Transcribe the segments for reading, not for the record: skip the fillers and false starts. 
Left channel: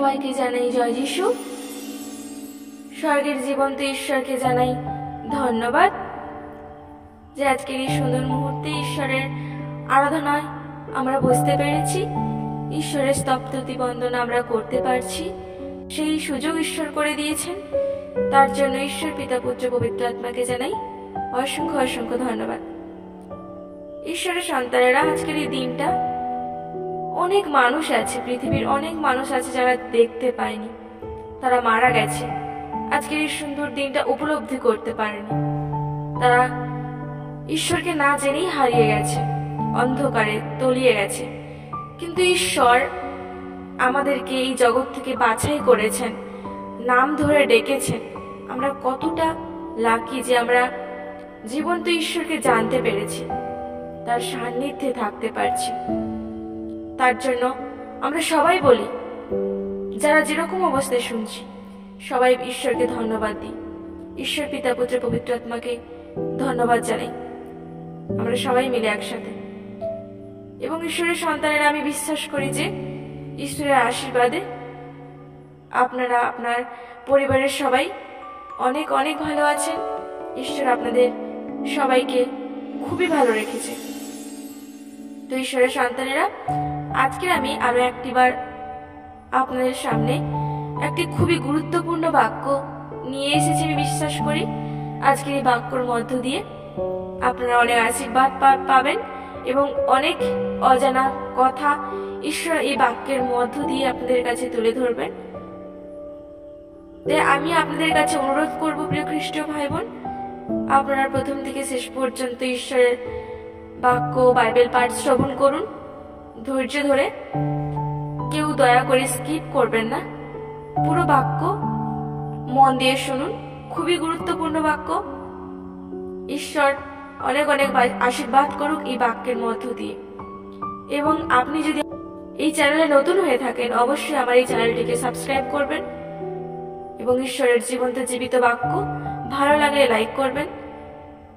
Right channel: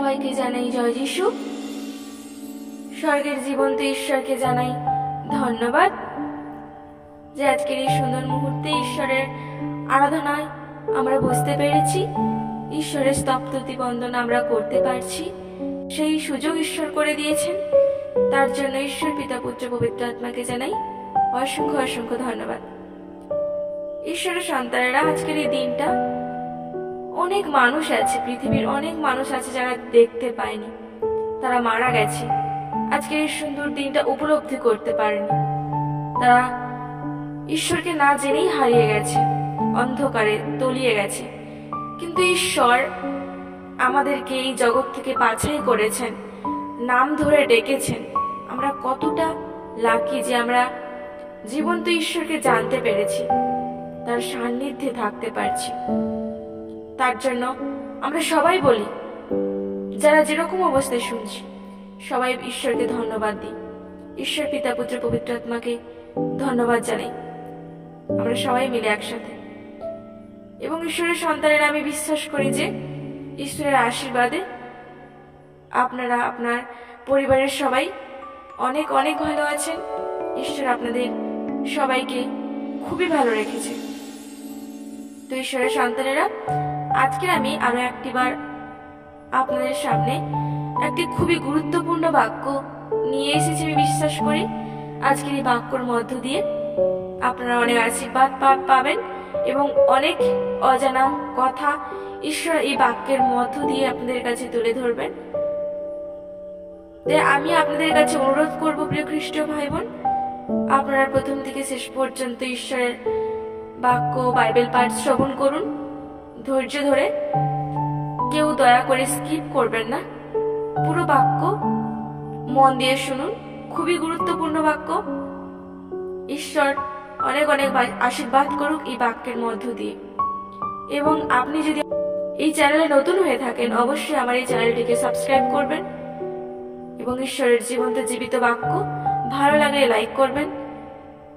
সবাইকে জানাই জয় যিশু। স্বর্গের জীবন্ত ঈশ্বরকে জানাই ধন্যবাদ যে আজকের এই সুন্দর মুহূর্তে ঈশ্বরের আরাধনায় আমরা বসতে পেরেছি, ঈশ্বরের স্তবস্তুতি বন্দনা আমরা করতে পারছি। সেই সুযোগ ঈশ্বর করে দিয়েছেন, তার জন্য ঈশ্বর পিতা পুত্র পবিত্র আত্মাকে জানাই অসংখ্য অসংখ্য ধন্যবাদ। ঈশ্বরের সন্তানেরা, আজকের এই দিনটা অনেক মানুষ আছে, পৃথিবীর অনেক মানুষ আছে যারা দেখতে পায়নি, তারা মারা গেছে, আজকের এই সুন্দর দিনটা উপলব্ধি করতে পারেনি, তারা ঈশ্বরকে না জেনেই হারিয়ে গেছে, অন্ধকারে তলিয়ে গেছে। কিন্তু ঈশ্বর আমাদেরকে এই জগৎ থেকে বাছাই করেছেন, নাম ধরে ডেকেছেন। আমরা কতটা লাকি যে আমরা জীবন্ত ঈশ্বরকে জানতে পেরেছি, তার সান্নিধ্যে থাকতে পারছি। তার জন্য আমরা সবাই বলি, যারা যেরকম অবস্থায় শুনছি, সবাই ঈশ্বরকে ধন্যবাদ দিই, ঈশ্বর পিতা পুত্র পবিত্র আত্মাকে ধন্যবাদ জানাই, আমরা সবাই মিলে একসাথে। এবং ঈশ্বরের সন্তানেরা, আমি বিশ্বাস করি যে ঈশ্বরের আশীর্বাদে আপনারা আপনার পরিবারের সবাই অনেক অনেক ভালো আছেন। ঈশ্বর আপনাদের সবাইকে খুবই ভালো রেখেছে। তো ঈশ্বরের সন্তানেরা, আজকে আমি আরো একটিবার আপনাদের সামনে একটি খুবই গুরুত্বপূর্ণ বাক্য নিয়ে এসেছি। আমি বিশ্বাস করি আজকের এই বাক্যর মধ্য দিয়ে আপনারা অনেক আশীর্বাদ পাবেন এবং অনেক অজানা কথা ঈশ্বর এই বাক্যের মধ্য দিয়ে আপনাদের কাছে তুলে ধরবেন। আমি আপনাদের কাছে অনুরোধ করব, প্রিয় খ্রিস্টীয় ভাই বোন, আপনারা প্রথম থেকে শেষ পর্যন্ত ঈশ্বরের বাক্য বাইবেল পাঠ শ্রবণ করুন ধৈর্য ধরে। কেউ দয়া করে স্কিপ করবেন না, পুরো বাক্য মন দিয়ে শুনুন, খুবই গুরুত্বপূর্ণ বাক্য। ঈশ্বর অনেক অনেক আশীর্বাদ করুক এই বাক্যের মধ্য দিয়ে। এবং আপনি যদি এই চ্যানেলে নতুন হয়ে থাকেন, অবশ্যই আমার এই চ্যানেলটিকে সাবস্ক্রাইব করবেন এবং ঈশ্বরের জীবন্ত জীবিত বাক্য ভালো লাগলে লাইক করবেন,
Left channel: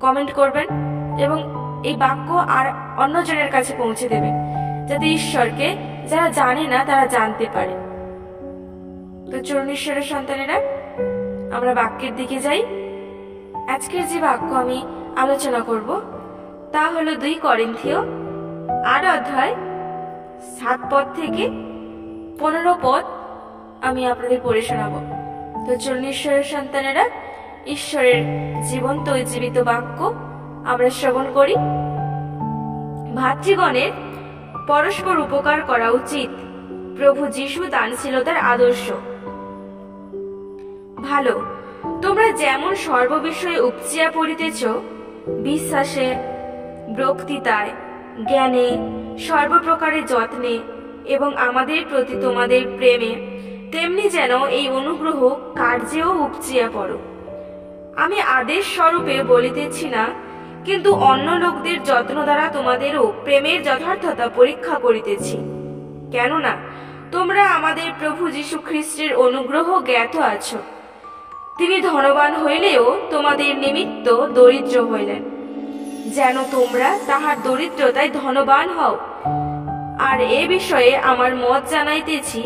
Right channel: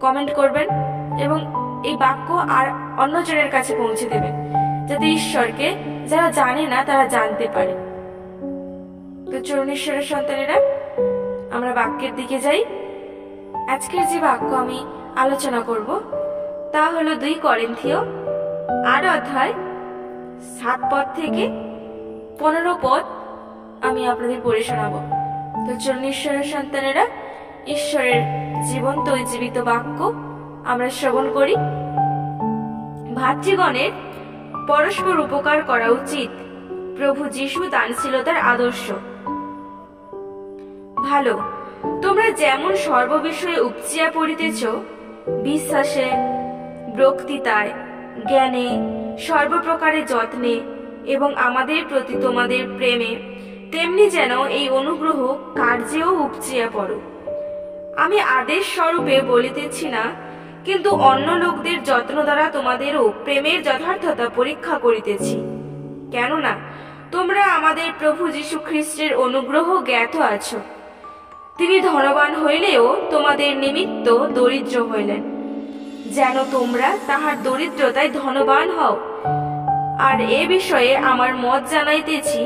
কমেন্ট করবেন এবং এই বাক্য আর অন্যজনের কাছে পৌঁছে দেবেন, যাতে ঈশ্বরকে যারা জানে না তারা জানতে পারে। তো চলুন ঈশ্বরের সন্তানেরা, আমরা বাক্যের দিকে যাই। আজকের যে বাক্য আমি আলোচনা করব তা হলো 2 করিন্থীয় 8 অধ্যায় 7 পদ থেকে 15 পদ আমি আপনাদের পড়ে শোনাবো। তো চলুন ঈশ্বরের সন্তানেরা, ঈশ্বরের জীবন্ত জীবিত বাক্য আমরা শ্রবণ করি। ভাতৃগণের পরস্পর উপকার করা উচিত, প্রভু যীশু দানশীলতার আদর্শ। ভালো, তোমরা যেমন সর্ববিষয়ে উপচিয়া পড়িতেছ, বিশ্বাসে, বক্তৃতায়, জ্ঞানে, সর্বপ্রকারে যত্নে এবং আমাদের প্রতি তোমাদের প্রেমে, তেমনি যেন এই অনুগ্রহ কার্যেও উপচিয়া পড়ো। আমি আদেশ স্বরূপে বলিতেছি না, কিন্তু অন্য লোকদের যত্ন দ্বারা তোমাদেরও প্রেমের যথার্থতা পরীক্ষা করিতেছি। কেননা তোমরা আমাদের প্রভু যীশু খ্রিস্টের অনুগ্রহ জ্ঞাত আছো। তিনি ধনবান হইলেও তোমাদের নিমিত্ত দরিদ্র হইলেন, যেন তোমরা তাহার দরিদ্রতায় ধনবান হও। আর এ বিষয়ে আমার মত জানাইতেছি,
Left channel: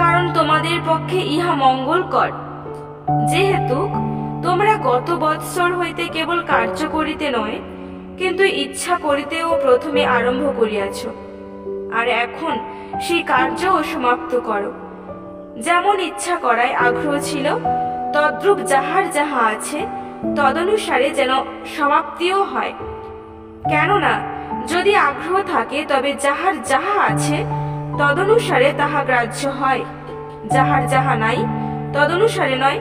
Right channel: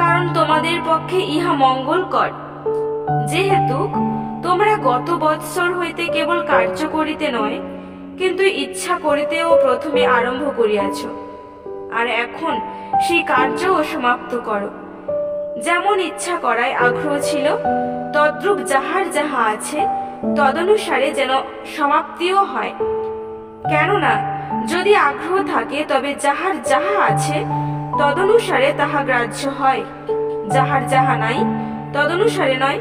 কারণ তোমাদের পক্ষে ইহা মঙ্গলকর, যেহেতু তোমরা গত বৎসর হইতে কেবল কার্য করিতে নয়, কিন্তু ইচ্ছা করিতেও প্রথমে আরম্ভ করিয়াছ। আর এখন সেই কার্যও সমাপ্ত করো। যেমন ইচ্ছা করায় আগ্রহ ছিল, তদ্রূপ যাহার যাহা আছে তদনুসারে যেন সমাপ্তিও হয়। কেননা যদি আগ্রহ থাকে, তবে যাহার যাহা আছে তদনুসারে তাহা গ্রাহ্য হয়, যাহার যাহা নাই তদনুসারে নয়।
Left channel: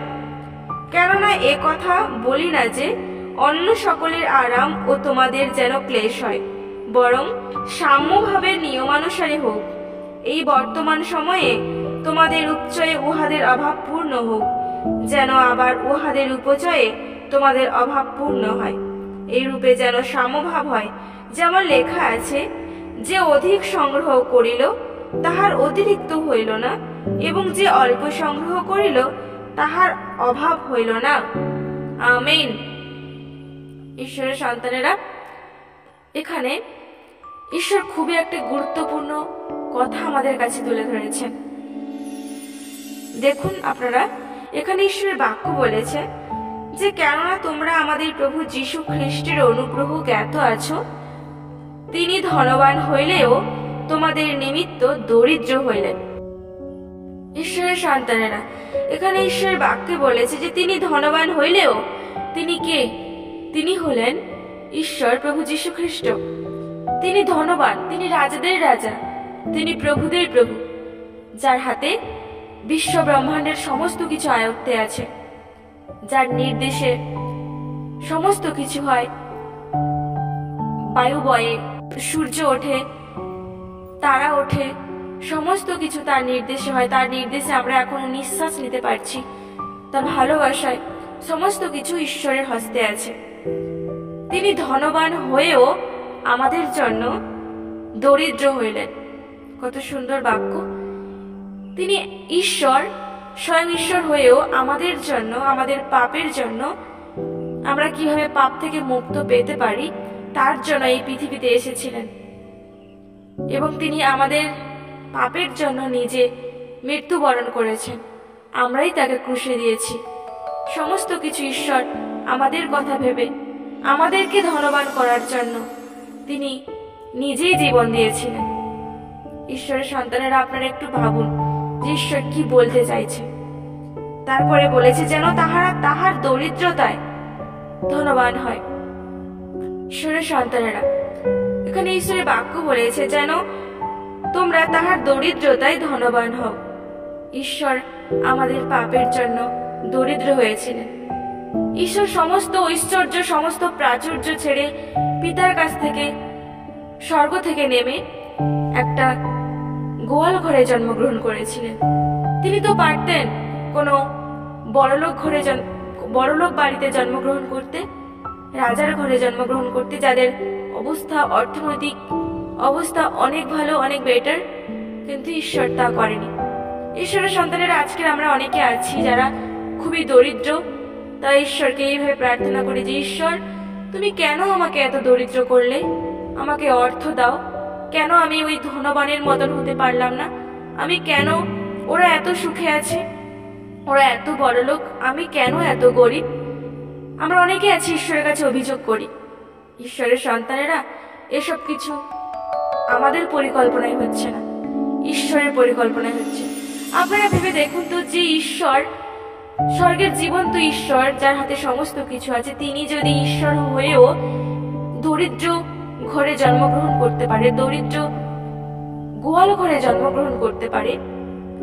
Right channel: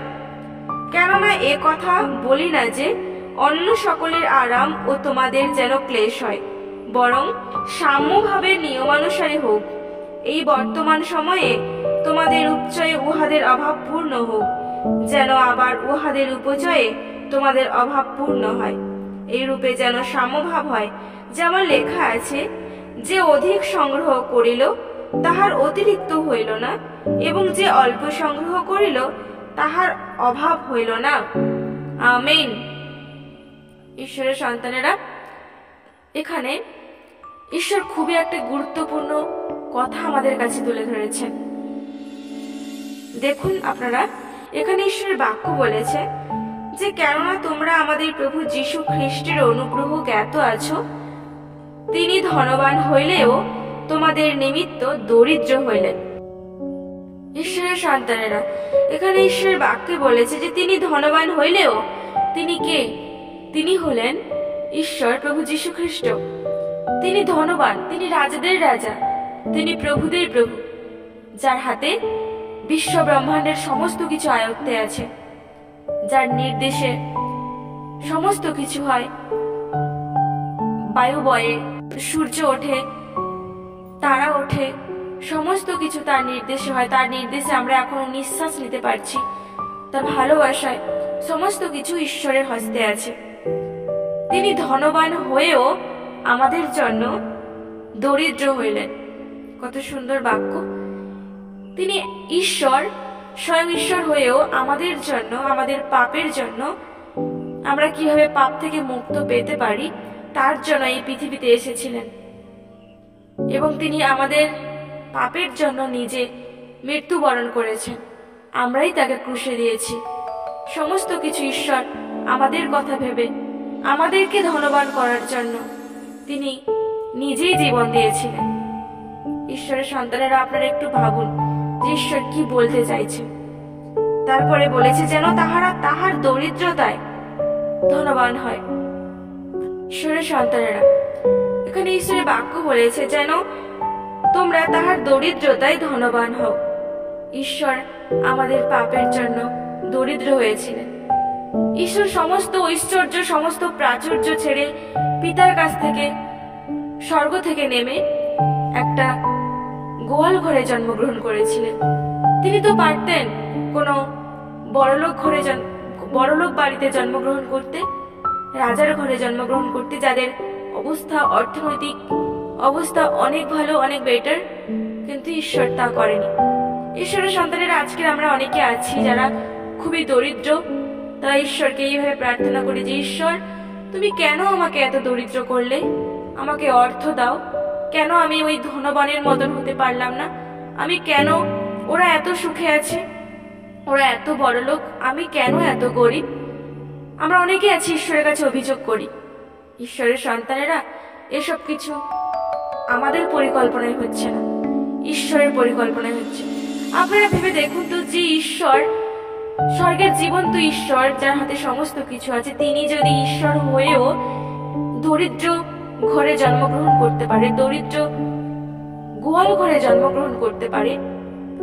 কেননা এ কথা বলি না যে অন্য সকলের আরাম ও তোমাদের যেন ক্লেশ হয়, বরং সাম্যভাবের নিয়মানুসারে হোক। এই বর্তমান সময়ে তোমাদের উপচয়ে উহাদের অভাব পূর্ণ হোক, যেন আবার উহাদের উপচয়ে তোমাদের অভাব পূর্ণ হয়। এই রূপে যেন সাম্যভাব হয়, যেমন লেখা আছে, যে অধিক সংগ্রহ করিল তাহার অতিরিক্ত হইল না, এবং যে অল্প সংগ্রহ করিল তাহার অভাব হইল না। আমেন। ঈশ্বরের সন্তানেরা, এখানে ঈশ্বর খুবই একটা গুরুত্বপূর্ণ কথা আমাদের কাছে তুলে ধরেছেন। দেখুন আপনারা, এখানে ঈশ্বরের বাক্য বলেছে যে কেননা তোমরা আমাদের প্রভু যীশু খ্রিস্টের অনুগ্রহ জ্ঞাত আছো, তিনি ধনবান হইলেও তোমাদের নিমিত্ত দরিদ্র হইলেন। ঈশ্বরের সন্তানেরা, এখানে ঈশ্বরের বাক্যে বলেছে যে তিনি ধনবান হইলেও তিনি কে? তিনি হলেন ঈশ্বর প্রভু যীশু খ্রিস্ট। তিনি ধনবান, তিনি রাজাদের রাজা, তিনি প্রভুদের প্রভু, যার হাতে বিশ্ব ব্রহ্মাণ্ডের সমস্ত কিছু আয়ত্তে আছে, যার নির্দেশে সমস্ত কিছু হয়। বায়ু বয়ে, সূর্য ওঠে, তারা ওঠে, সমস্ত কিছু তার নির্দেশে হয়। তার নির্দেশে আমরা এখনো নিঃশ্বাস নিতে পারছি। তার ভালোবাসায় সমস্ত কিছু ঈশ্বরের হস্তে আছে। তিনি ধনবান হয়েও আমাদের জন্য দরিদ্র হইলেন। কত সুন্দর বাক্য! তিনি ঈশ্বর, স্বয়ং ঈশ্বর হয়েও আমাদের জন্য, আমাদের পাপের জন্য, আমরা কিভাবে পাপ থেকে মুক্ত পেতে পারি তার জন্য এই পৃথিবীতে এসেছিলেন। এবং তিনি আমাদের পাপের জন্য নিজে মৃত্যুবরণ করেছেন। আমরাই তাকে ক্রুশে দিয়েছি। সমস্ত কিছু ঈশ্বর আমাদের কথা ভেবে আমাদেরকে ধনবান করার জন্য তিনি নিজেই জীবন দিয়েছিলেন। ঈশ্বরের সন্তানেরা, আপনারা একটু ভাবুন যে ঈশ্বর কি বলতে চাইছে। তারপরে বলেছে যেন তাহারা তাহার দরিদ্রতায় ধনবান হয়। ঈশ্বরের সন্তানেরা, এখানে ঈশ্বরের বাক্য বলেছে যেন তোমরা তাহার দরিদ্রতায় ধনবান হও। ঈশ্বর আমাদের পাপের জন্য দরিদ্র হয়েছিলেন। ঈশ্বর সমস্ত ঐশ্বর্য, সমস্ত প্রাচুর্য ছেড়ে পিতার কাছ থেকে, স্বর্গ থেকে নেমে একটা গোয়াল ঘরে জন্মগ্রহণ করেছিলেন। তিনি তো পারতেন কোনো বড়লোক বাড়িতে জন্মগ্রহণ করতে, রাজার ঘরে জন্মগ্রহণ করতে, যাদের অবস্থা, অর্থনৈতিক অবস্থা অনেক ভালো, অনেক বেটার, কিন্তু ঈশ্বর তা করেনি। ঈশ্বরের সন্তানেরা, আজকের আমরা অনেকে আছি যারা খুবই দরিদ্র। তারা ঈশ্বরকে এইভাবে প্রার্থনা করি যে ঈশ্বর, তুমি কেন আমাকে এত দরিদ্র করলে? আমাকে অর্থ দাও। কেন আমি ওই ধনবানের মতন হতে পারলাম না? আমি কেন, ওরা এত সুখে আছে, ওরা এত বড় লোক, আমি কেন এত গরিব? আমরা অনেকে আছি ঈশ্বরের কাছে অভিযোগ করি। ঈশ্বরের সন্তানেরা, এসব কিছু আমাদের পরিকল্পনায় হচ্ছে না, ঈশ্বরের পরিকল্পনায় হচ্ছে। আপনারা ভেবে দেখুন তো, যে ঈশ্বর, স্বর্গের জীবন্ত ঈশ্বর, যার হাতে সমস্ত কিছু আছে, তিনি যদি ঈশ্বর হয়েও দরিদ্র ঘরে জন্মগ্রহণ করতে পারে, দরিদ্র গোয়াল ঘরে জন্মগ্রহণ করতে পারে,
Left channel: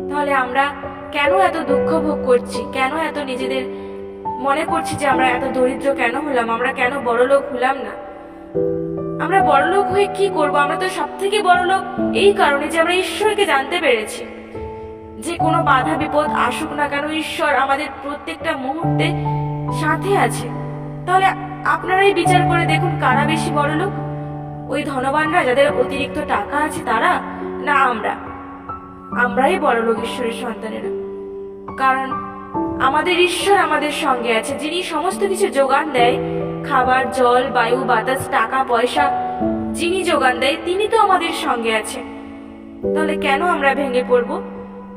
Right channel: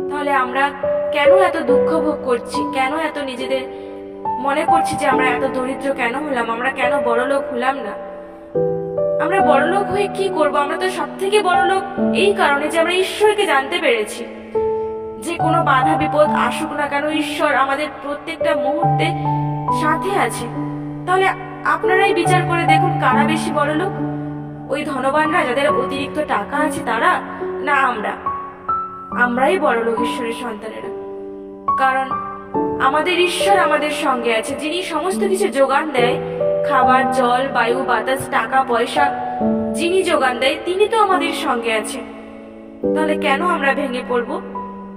তাহলে আমরা কেন এত দুঃখ ভোগ করছি? কেন এত নিজেদের মনে করছি যে আমরা এত দরিদ্র কেন হলাম? আমরা কেন বড়লোক হলাম না? আমরা বড়লোক হয়ে কি করব? আমরা তো সব থেকে বড়লোক এই কারণে যে আমরা ঈশ্বরকে জানতে পেরেছি। যে কোনো বাধা বিপদ আসুক না কেন, ঈশ্বর আমাদের প্রত্যেকটা মুহূর্তে সাথে আছে। তাহলে আপনারাই বিচার করে দেখুন, কারা বেশি বড়লোক? ওই ধনবানরা, যাদের অতিরিক্ত টাকা আছে, তারা, না আমরাই বড়লোক ঈশ্বরের সন্তানেরা? কারণ আমাদের ঈশ্বর আমাদের সঙ্গে আছে, যিনি সমস্ত কিছু যোগান দেয়, খাবার, জল, বায়ু, বাতাস, টাকা পয়সা যিনি যোগান দেয়, তিনি তো আমাদের সঙ্গে আছে। তাহলে কেন আমরা ভেঙে পড়ব?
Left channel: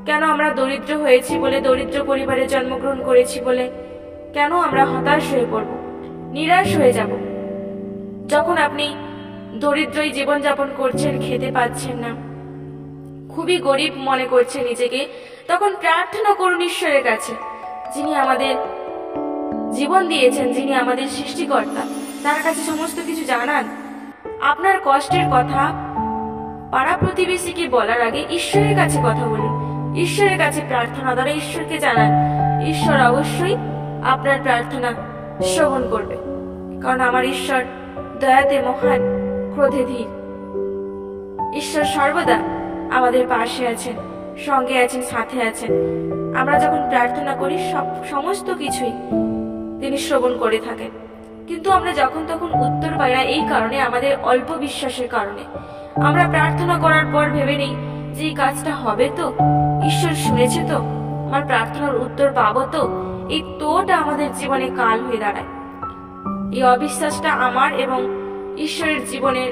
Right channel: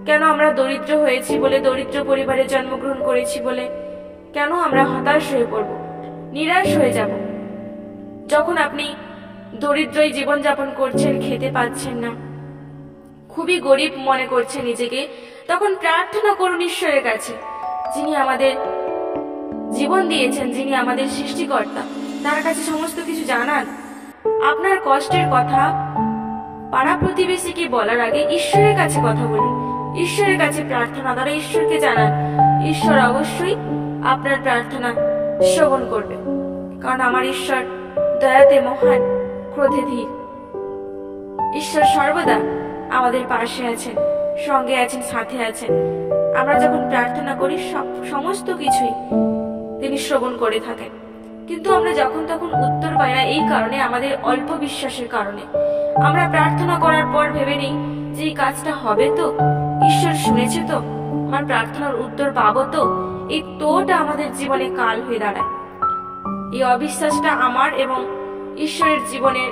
কেন আমরা দরিদ্র হয়েছি বলে, দরিদ্র পরিবারে জন্মগ্রহণ করেছি বলে কেন আমরা হতাশ হয়ে পড়ব, নিরাশ হয়ে যাব? যখন আপনি দরিদ্রই জীবনযাপন করছেন, খেতে পাচ্ছেন না, খুবই গরিব মনে করছেন নিজেকে, তখন প্রার্থনা করুন ঈশ্বরের কাছে, যিনি আমাদের জীবন দিয়েছেন, যিনি আমাদের সৃষ্টিকর্তা। তার কাছে সমস্ত কিছু জানান। আপনার কষ্টের কথা পাড়া প্রতিবেশীকে বলার আগে ঈশ্বরের কাছে কথা বলুন। ঈশ্বরের কাছে প্রার্থনা দ্বারা ঈশ্বরকে জানান। ঈশ্বর অবশ্যই আপনার প্রার্থনা শ্রবণ করবে, কারণ আমার ঈশ্বর দয়াতে মহান, ক্রোধে ধীর। ঈশ্বর সর্বদা আমাদের পাশে আছেন, সঙ্গে আছেন, সাথে আছেন। আমরা যখন প্রার্থনা করি, সমস্ত কিছুই তিনি শ্রবণ করে থাকেন। কিন্তু আমরা যখন তখন উত্তর পাই না, এই কারণে, আমাদের অল্প বিশ্বাসের কারণে। আমরা প্রার্থনা করার পর ভেবে নিই যে এই কাজটা হবে তো, ঈশ্বর শুনেছে তো, আমার প্রার্থনার উত্তর পাবো তো। এই তোটা আমাদের জীবনে কাল হয়ে দাঁড়ায়। এই অবিশ্বাসটা আমার এবং ঈশ্বরের জীবনের,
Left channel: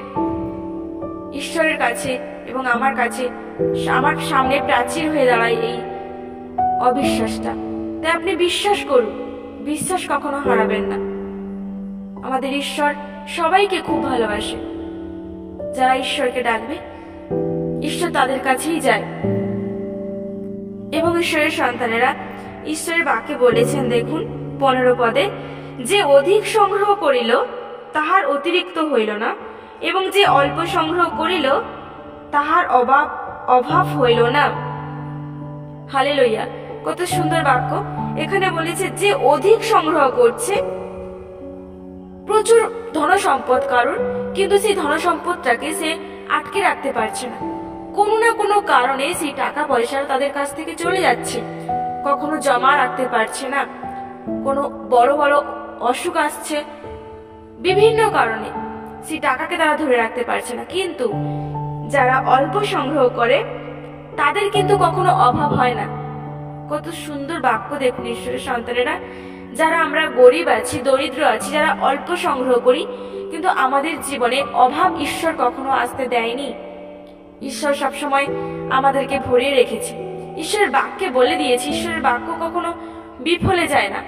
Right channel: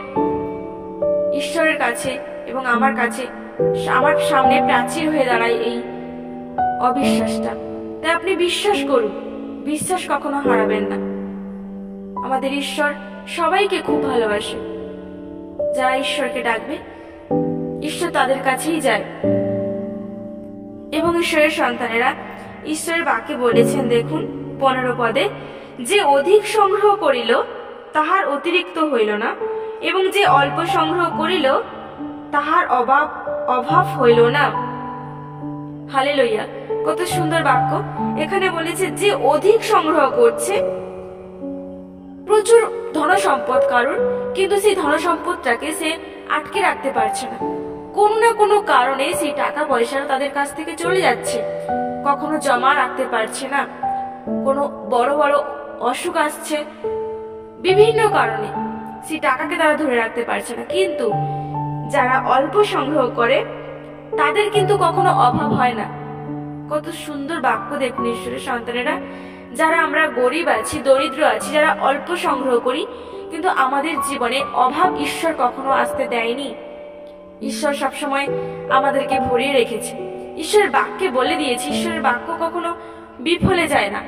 ঈশ্বরের কাছে এবং আমার কাছে, আমার সামনে প্রাচীর হয়ে দাঁড়ায়। এই অবিশ্বাসটা। তাই আপনি বিশ্বাস করুন, বিশ্বাস কখনো হারাবেন না। আমাদের ঈশ্বর সবাইকে খুব ভালোবাসে। যারা ঈশ্বরকে ডাকবে, ঈশ্বর তাদের কাছেই যায়। এবং ঈশ্বরের সন্তানেরা ঈশ্বরের বাক্যে বলেছেন, দেখুন 15 পদে, যে অধিক সংগ্রহ করিল তাহার অতিরিক্ত হইল না, এবং যে অল্প সংগ্রহ করিল তাহার অভাব হইল না। হালেলুয়া, কত সুন্দর বাক্য। এখানে বলেছে যে অধিক সংগ্রহ করছে, প্রচুর ধন সম্পদ কারোর, কিন্তু সেই ধন সম্পদটাকে সে আটকে রাখতে পারছে না। কোনো না কোনো কারণে সেই টাকা পয়সা তাদের কাছ থেকে চলে যাচ্ছে, কখনো জমা রাখতে পারছে না, কোনো বড় বড় অসুখ আসছে, বিভিন্ন কারণে সেই টাকাকে তারা ধরে রাখতে পারছে না। কিন্তু যারা অল্প সংগ্রহ করে তাদের কিন্তু কখনো অভাব হয় না। কত সুন্দর বাক্য দেখুন ঈশ্বরের সন্তানেরা। যারা আমরা গরিব আছি, দরিদ্র আছি, যারা অল্প সংগ্রহ করি, কিন্তু আমাদের জীবনে অভাব ঈশ্বর কখনো আসতে দেয়নি। ঈশ্বর সবসময় আমাদেরকে ভরিয়ে রেখেছে। ঈশ্বরের বাক্যে বলে দিয়েছে, ঈশ্বরের বাক্য কখনো বিফলে যায় না,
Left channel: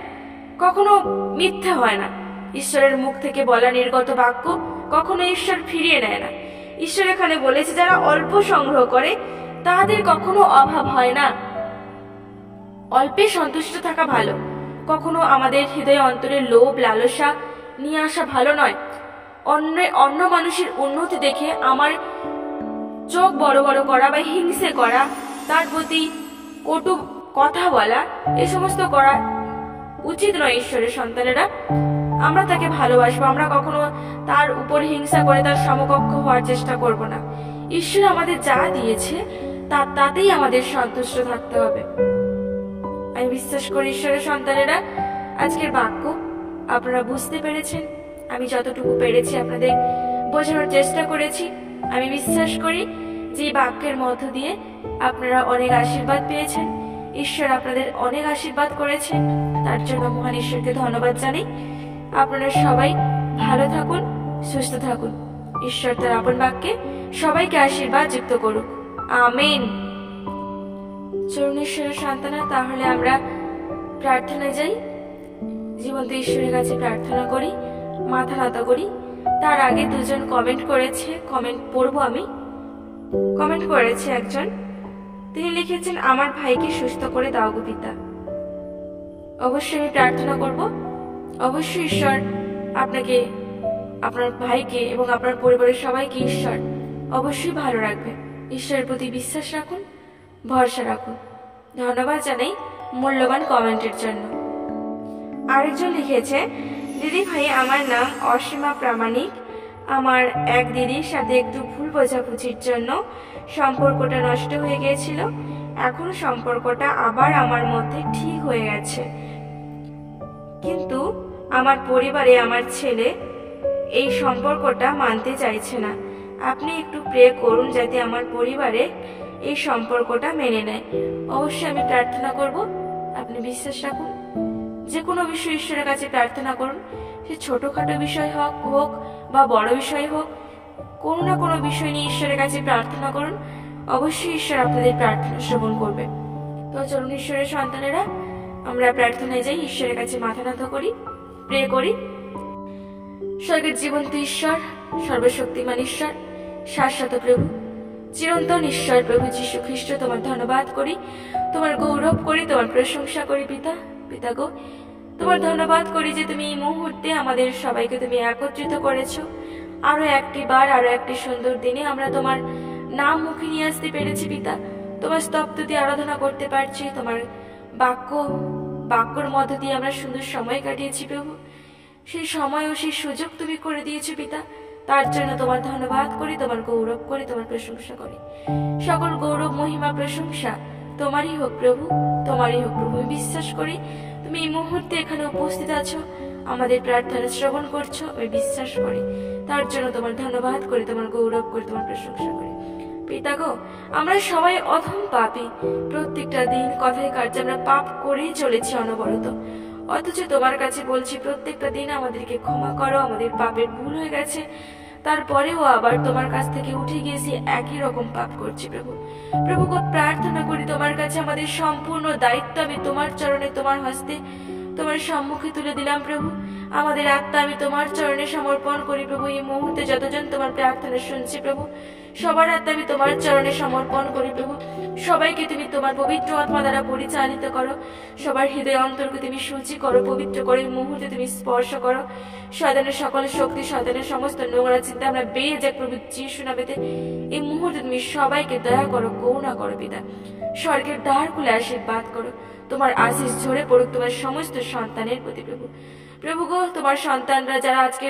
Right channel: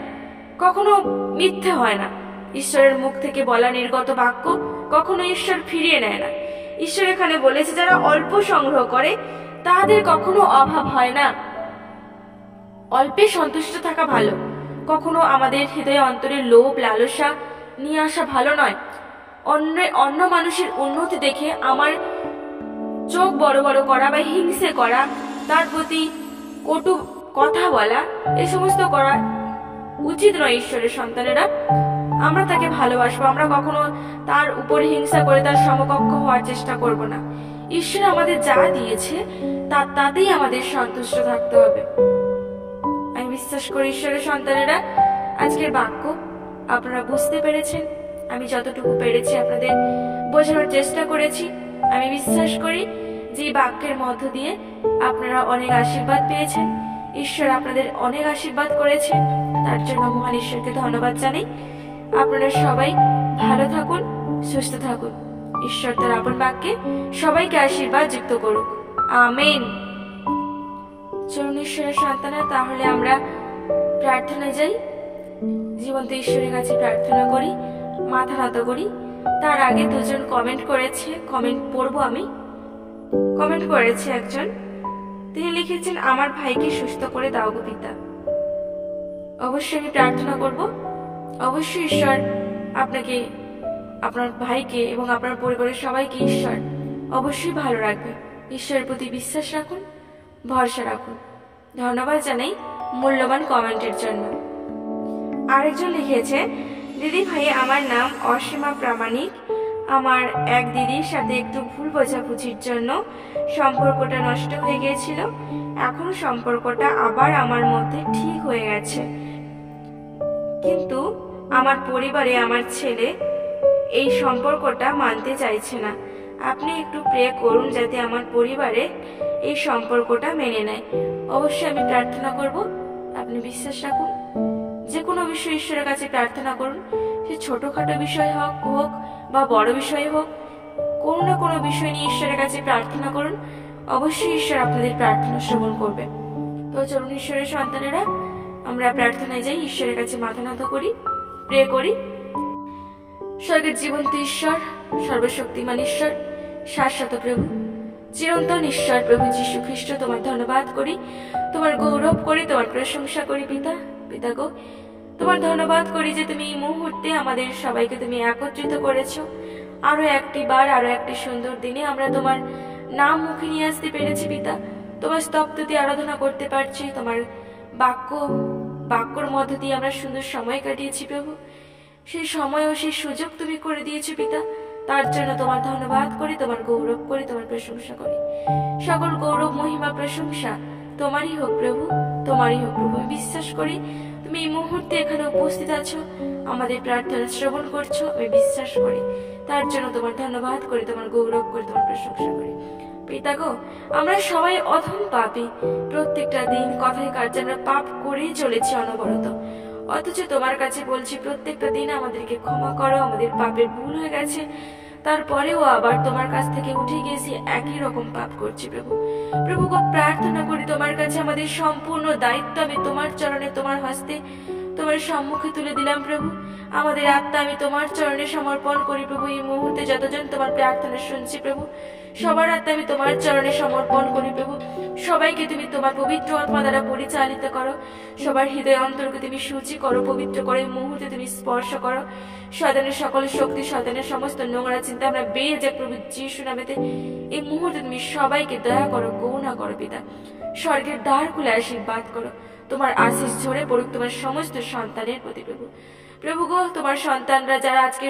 কখনো মিথ্যে হয় না। ঈশ্বরের মুখ থেকে বলা নির্গত বাক্য কখনো ঈশ্বর ফিরিয়ে নেয় না। ঈশ্বর এখানে বলেছে যারা অল্প সংগ্রহ করে তাদের কখনো অভাব হয় না। অল্পে সন্তুষ্ট থাকা ভালো। কখনো আমাদের হৃদয়ে অন্তরে লোভ লালসা নিয়ে আসা ভালো নয়। অন্য মানুষের উন্নতি দেখে আমার চোখ বড় বড় করা বা হিংসে করা, তার প্রতি কটু কথা বলা, এই সমস্ত করা উচিত নয়। ঈশ্বরের সন্তানেরা আমরা তাকে ভালোবাসবো, আমরা কখনো তার উপর হিংসা করে তার সমকক্ষ হওয়ার চেষ্টা করব না। ঈশ্বর আমাদের যা দিয়েছে তাতেই আমাদের সন্তুষ্ট থাকতে হবে। আমি বিশ্বাস করি ঈশ্বরের সন্তানেরা আজকের বাক্য আপনারা বুঝতে পেরেছেন। আমি যতটুকু পেরেছি আপনাদের বোঝানোর চেষ্টা করেছি। আমি বিশ্বাস করি যে বাক্যের মধ্য দিয়ে আপনারা অনেক আশীর্বাদ পেয়েছেন। ঈশ্বর আপনাদের অনেক আশীর্বাদ করেছে, তার জন্য মহান ঈশ্বরকে ধন্যবাদ জানাই। আপনারা সবাই ভালো থাকুন, সুস্থ থাকুন। ঈশ্বর তার আপন বাক্যে সবাইকে আশীর্বাদ যুক্ত করুক। আমেন। চলুন ঈশ্বরের সন্তানা, তাহলে আমরা প্রার্থনা যাই। জীবন্ত ঈশ্বরের কাছে প্রার্থনা করি, মাথা নত করি। তার আগে দুজন কমেন্ট করেছে, কমেন্ট পড়বো আমি। কমেন্ট করেছে একজন, তিনি লিখেছেন, আমার ভাইকে সুস্থ করে দাও গো পিতা। অবশ্যই আমি প্রার্থনা করব। অবশ্যই ঈশ্বর আপনাকে, আপনার ভাইকে এবং আপনার পরিবারের সবাইকে ঈশ্বর অবশ্যই ভালো রাখবে। ঈশ্বরের প্রতি বিশ্বাস রাখুন, ভরসা রাখুন। ধন্যবাদ জানাই মূল্যবান কমেন্টের জন্য। আরেকজন লিখেছে, দিদি ভাই, আমার নাম অসীমা প্রামাণিক। আমার এক দিদির সাথে একটু ভুল বোঝাবুঝির জন্য সম্পর্কটা নষ্ট হয়ে গিয়েছিল। এখন সম্পর্কটা আবার আমার মধ্যে ঠিক হয়ে গেছে, কিন্তু আমার পরিবারে আমার ছেলে এই সম্পর্কটা মানতে চাইছে না। আপনি একটু প্রে করুন যাতে আমার পরিবারে এই সম্পর্কটা মেনে নেয়। অবশ্যই আমি প্রার্থনা করব, আপনি বিশ্বাস রাখুন। যে কোনো বিষয় ঈশ্বরের কাছে প্রার্থনা করুন, সে ছোটখাটো বিষয় হোক বা বড় বিষয় হোক, কোনো না কোনো বিষয় নিয়ে ঈশ্বরের কাছে প্রার্থনা করুন। অবশ্যই ঈশ্বর আপনাদের প্রার্থনা শ্রবণ করবে। তো চলুন ঈশ্বরের সন্তানেরা আমরা প্রার্থনায় যাই, ঈশ্বরের কাছে মাথা নত করি, প্রে করি। স্বর্গের জীবন্ত ঈশ্বর, সর্বশক্তিমান ঈশ্বর, শাশ্বত প্রভু, চিরন্তন ঈশ্বর প্রভু যীশু খ্রিস্ট, তোমার ধন্যবাদ করি, তোমার গৌরব করি, তোমার প্রশংসা করি। পিতা গো, তোমার ধন্যবাদ করি যে তুমি এই মুহূর্তে আমাদের সবাইকে তুমি একত্রিত করেছো। আরো একটি বার, আরো একটি সুন্দর দিনে আমরা তোমার নাম মুখে নিয়ে আসতে পেরেছি পিতা। তোমার স্তবস্তুতি আরাধনা করতে পারছি, তোমার বাক্যর মধ্য দিয়ে আমরা সুন্দর সময় কাটিয়েছি প্রভু। সেই সময় ও সেই সুযোগ তুমি করে দিয়েছো পিতা, তার জন্য তোমার ধন্যবাদ করি, তোমার গৌরব করি, তোমার প্রশংসা করি। সকল গৌরব মহিমা প্রশংসা তোমারই হোক প্রভু, তোমারই হোক প্রভু। আমি বিশ্বাস করি তুমি এই মুহূর্তে এখানে উপস্থিত আছো, আমাদের প্রার্থনা শ্রবণ করছো, আমি বিশ্বাস করি। তার জন্য তোমার ধন্যবাদ করি, তোমার গৌরব করি, তোমার প্রশংসা করি। পিতা গো, আমরা সবাই অধম পাপী, প্রত্যেকটা দিন কথায় কার্যে আমরা পাপ করেই চলেছি অনবরত। অথচ তোমার কাছে বলছি প্রত্যেকটা দিন আমাদেরকে ক্ষমা করো, আমাদের পাপের ভুল হয়ে গেছে, তারপরেও আবার তোমার কাছ থেকে উঠে গিয়েছি, একই রকম পাপ করছি প্রভু। প্রভু গো, প্রার্থনা করি তোমার কাছে আমাদের সম্পূর্ণ দায়িত্ব আমি তোমার চরণে, তোমার হস্তে, তোমার সম্মুখে তুলে দিলাম প্রভু। আমাদের আত্মা আমি তোমার চরণে সমর্পণ করি প্রভু। এই মুহূর্তে যতজন তোমার প্রার্থনা শুনছি প্রভু, সবার আত্মা আমি তোমার চরণে সমর্পণ করি প্রভু। সবাইকে তুমি তোমার পবিত্র আত্মা দ্বারা পরিচালিত করো, সবার হৃদয় অন্তরকে তুমি সূচি করো, পবিত্র করো। এই মুহূর্তে তুমি স্পর্শ করো। শয়তানের সকল শক্তি, শয়তানের সমস্ত নোংরা চিন্তা আমরা বেরিয়ে যাক প্রভু যিশু নামেতে। এই মুহূর্তে তুমি সবাইকে দয়া করো, করুণা করো পিতা। স্বর্গের দ্বার খুলে আশীর্বাদ করো। তোমার আশীষ ঝরে পড়ুক তোমার সমস্ত সন্তানের প্রতি প্রভু। প্রভু গো, তোমার সন্তানরা যারা আজকে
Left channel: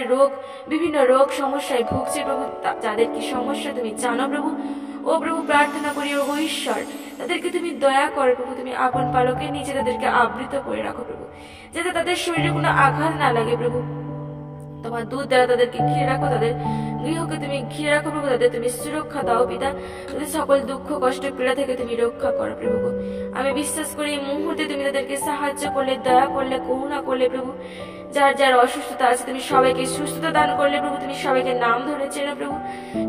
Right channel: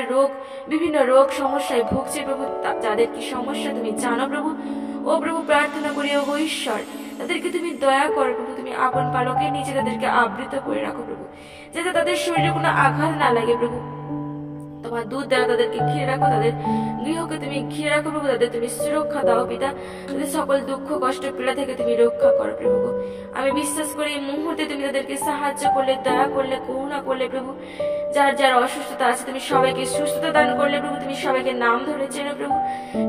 বিভিন্ন রোগ সমস্যায় ভুগছে প্রভু, যাদের কি সমস্যা তুমি জানো প্রভু। ও প্রভু, প্রার্থনা করি ও ঈশ্বর, তাদেরকে তুমি দয়া করো প্রভু। তুমি আপন পালকের নিচে তাদেরকে আবৃত করে রাখো প্রভু, যাতে তাদের শরীরে কোনো আঘাত না লাগে প্রভু। তোমার দুধ দ্বারা তাদেরকে ঘিরে রাখো, তাদের গৃহকে তুমি ঘিরে রাখো প্রভু। তাদের তুমি সুরক্ষা দাও পিতা, তাদের সকল দুঃখ কষ্ট পীড়া থেকে তুমি রক্ষা করো প্রভু। আমি বিশ্বাস করি এই মুহূর্তে তুমি তাদেরকে সাহায্য করলে, দয়া করলে, করুণা করলে প্রভু। যার যার অসুস্থতা আছে তুমি সবাইকে সুস্থতা দান করলে প্রভু। তুমি সবাইকে নাম ধরে চেনো প্রভু।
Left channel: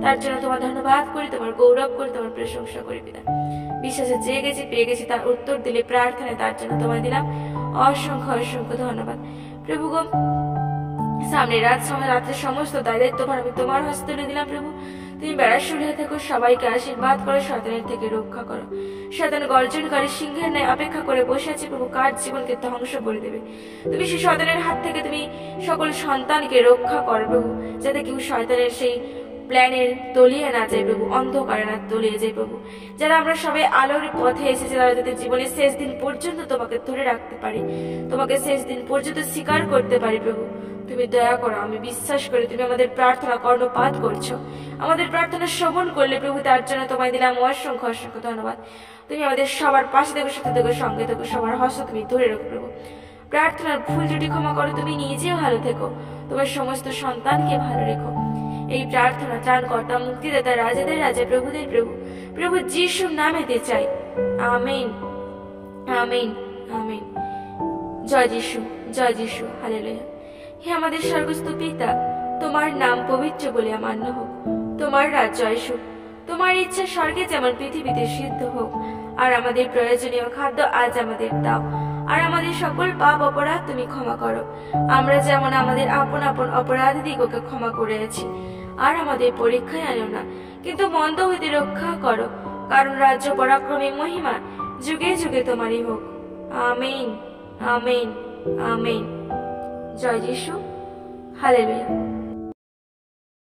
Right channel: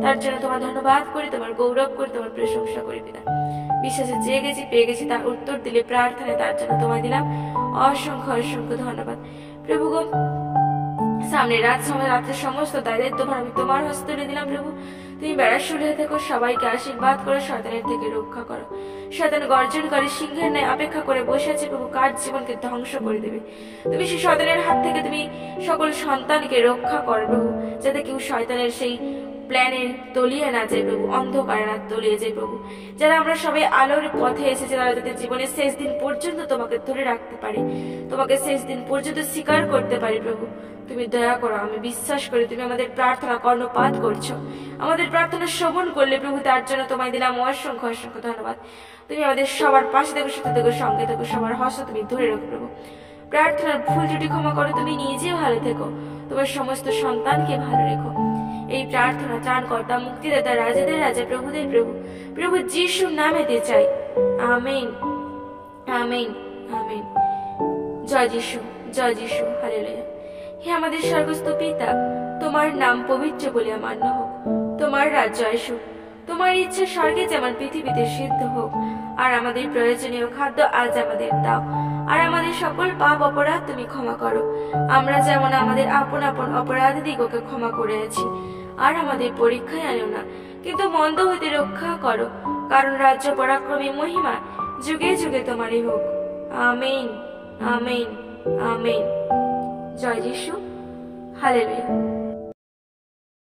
তার জন্য তোমার ধন্যবাদ করি, তোমার গৌরব করি, তোমার প্রশংসা করি পিতা। বিশ্বাসে চেয়ে গেছি, পেয়ে গেছি, তার উত্তর দিলে প্রার্থনায়, তার জন্য তোমায় দিলাম অসংখ্য অসংখ্য ধন্যবাদ প্রভু গো। সামনে রাত্রে সমস্ত দায়িত্বভার আমি তোমার হস্তে তুলে দিলাম প্রভু। তুমি বেড়ার শুলিয়ে থেকো, সবাইকে আশীর্বাদ করো, শয়তানের থেকে রক্ষা করো। শয়তান গর্জনকারী সিংহের ন্যায় অপেক্ষা করে বসে আছে প্রভু, কার জীবনকে ধ্বংস করে দেবে। তুমি সেই শয়তানের হাত থেকে তুমি সকল সন্তানকে রক্ষা করো প্রভু, যাতে কেউ শয়তানের সেই প্ল্যানের তলিয়ে না যায় প্রভু, অন্ধকারে না তলিয়ে যায় প্রভু। যারা আমরা সবাই আলোর পথে এসেছে, তারা যাতে জীবনের শেষ দিন পর্যন্ত তোমাকে ধরে রাখতে পারি, তোমাকে শেষ দিন পর্যন্ত স্বীকার করতে পারি প্রভু। তুমি দয়া করো। আমি বিশ্বাস করি তুমি আমাদের প্রার্থনা কর্ণপাত করছো, আমাদের প্রার্থনা শ্রবণ করলে প্রভু। তার জন্য তোমায় দিলাম অসংখ্য অসংখ্য ধন্যবাদ। তুমি আমাদের সবার পাশে থেকো, সাথে থেকো, সঙ্গে থেকো, সবার হস্ত তুমি ধরে রাখো প্রভু। প্রার্থনার ভুল ত্রুটি ক্ষমা করো, তুমি নিজেও ভালো থেকো, তোমার সমস্ত সন্তানকে ভালো রেখো। এই প্রার্থনা ত্রাণকর্তা, মুক্তিদাতা, রাজাদের রাজা, প্রভুদের প্রভু, প্রভু যিশুর নামেতে চাই। Amen, amen, amen. জয় যিশু, জয় যিশু, হালেলুয়া। হে আমাদের স্বর্গস্থ পিতা, তোমার নাম পবিত্র বলে মান্য হোক। তোমার রাজ্য আসুক। তোমার ইচ্ছা স্বর্গে যেমন পৃথিবীতে সিদ্ধ হোক। আর আমাদের প্রয়োজনীয় খাদ্য আজ আমাদের দাও। আর আমাদের সকল পাপ অপরাধ তুমি ক্ষমা করো, আমরা যেমন আমাদের আপন আপন অপরাধীদিগকে ক্ষমা করে আছি। আর আমাদের পরীক্ষায় আনিও না, কিন্তু মন্দ হইতে রক্ষা করো, কারণ রাজ্য, পরাক্রমে, মহিমা যুগে যুগে তোমারই হোক। Amen, amen, amen. জয় যিশু, হালেলুয়া।